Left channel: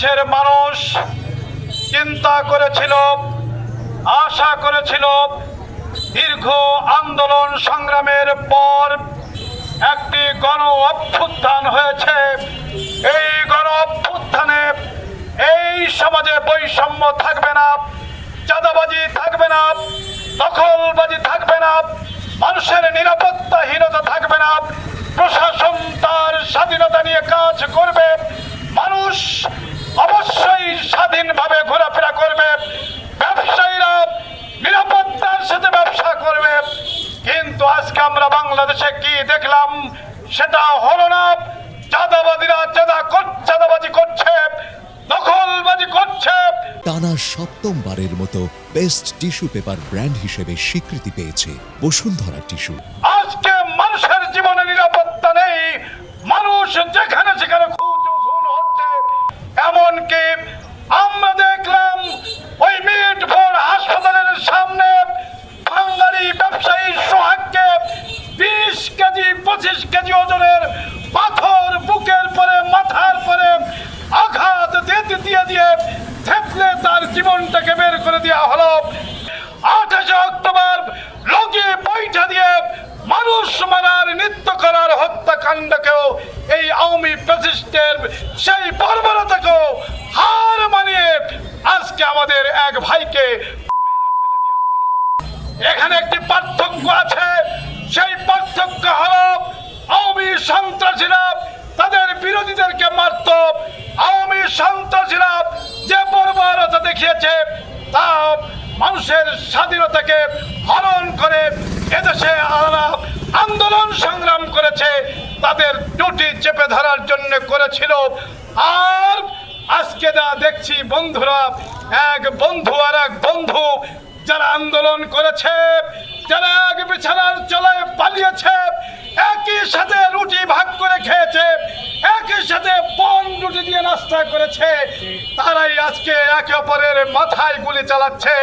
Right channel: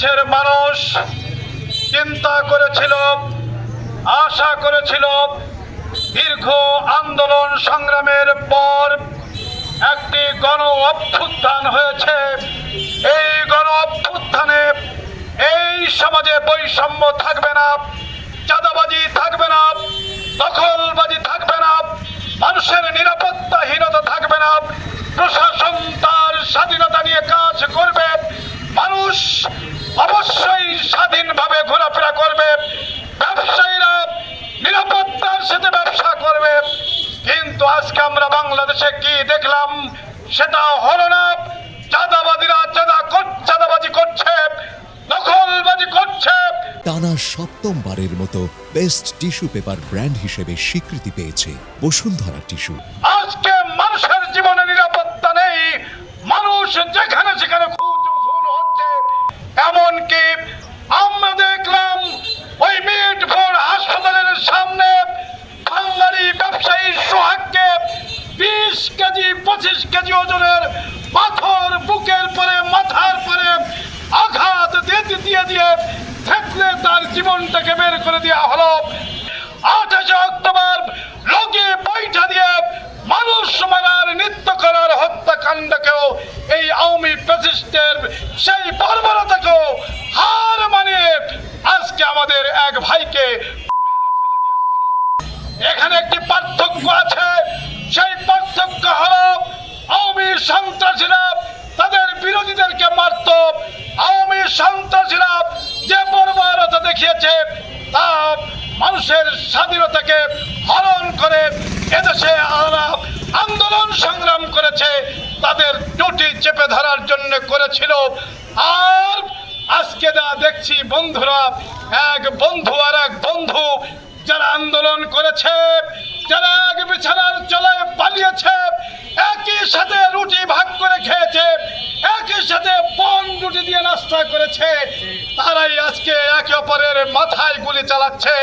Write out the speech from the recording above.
বাংলাদেশের মানুষ চিন্তা করেছিল, আশা করেছিল দীর্ঘ আন্দোলন সংগ্রামের পর একটি গণ অভ্যুত্থান হয়েছে। এই গণ অভ্যুত্থানে এই সমাজে বৈষম্য থাকবে না, চাঁদাবাজি থাকবে না, দখলবাজি থাকবে না, মানুষের নিরাপত্তাহীনতা থাকবে না, প্রশাসন তার স্বাধীনতা নিয়ে কাজ করবে, মানুষ অবশ্যই স্বাধীনভাবে ঘোরাফেরা করবে, ব্যবসায়ীরা নিরাপত্তার সাথে ব্যবসা করবে। কিন্তু আজকে আমরা বাংলাদেশে কি দেখলাম? সেটা হলো না। চাঁদাবাদীরা চাঁদাবাজি করছে, দখলবাজি করছে। টানা সপ্তমবারের মতো বেস্ট টিস্যু পেপার ব্র্যান্ড হিসেবে স্বীকৃতি পেয়েছে বসুন্ধরা টিস্যু। আজকে মানুষের জীবনে নিরাপত্তা নেই, মানুষ যেখানে সেখানে খুন হচ্ছে। এমনকি আমরা দেখলাম ওই মিটফোর্ড হাসপাতালের সামনে বাঙালি ব্যবসায়ী সোহাগকে 20 কেজি 25 কেজি ওজনের পাথর বুকের পরে মাথার পরে আঘাত দিয়ে থেতলে তার জীবনটাকে বের করে দেওয়া হলো। 28 অক্টোবর লোকে বৈঠা দিয়ে মানুষ মারার নৃত্য করার হত্যাকাণ্ডকেও এই আওয়ামী ফ্যাসিস্টের সেই বর্বরতাকেও হার মানিয়ে আজকে আমাদের এক ভাইকে এখানে একটি পার্থক্য আছে। সেই পার্থক্য হলো আওয়ামী সন্ত্রাসীরা তাদের বিরোধীদেরকে মারত, আওয়ামী সন্ত্রাসীরা যে বর্বরতা দেখিয়েছে তা মানুষের স্বাধীনতাকে হরণ করে এদেশে আন্দোলন সংগ্রাম করেছে, তাদের টুটি চেপে ধরার জন্য করেছিল। আর আজকে যা দেখছি বন্ধুরা, এক বন্ধু আর এক বন্ধু যারা আন্দোলন করেছে, যারা এক বিছানার চলায় পালিয়েছে, একই সাথে রুটি ভাগ করে খেয়েছে, একই সাথে বন রুটি দিয়ে নাস্তা করেছে, তারাই আজকে একে অপরের মাথায় গুলি চালাচ্ছে।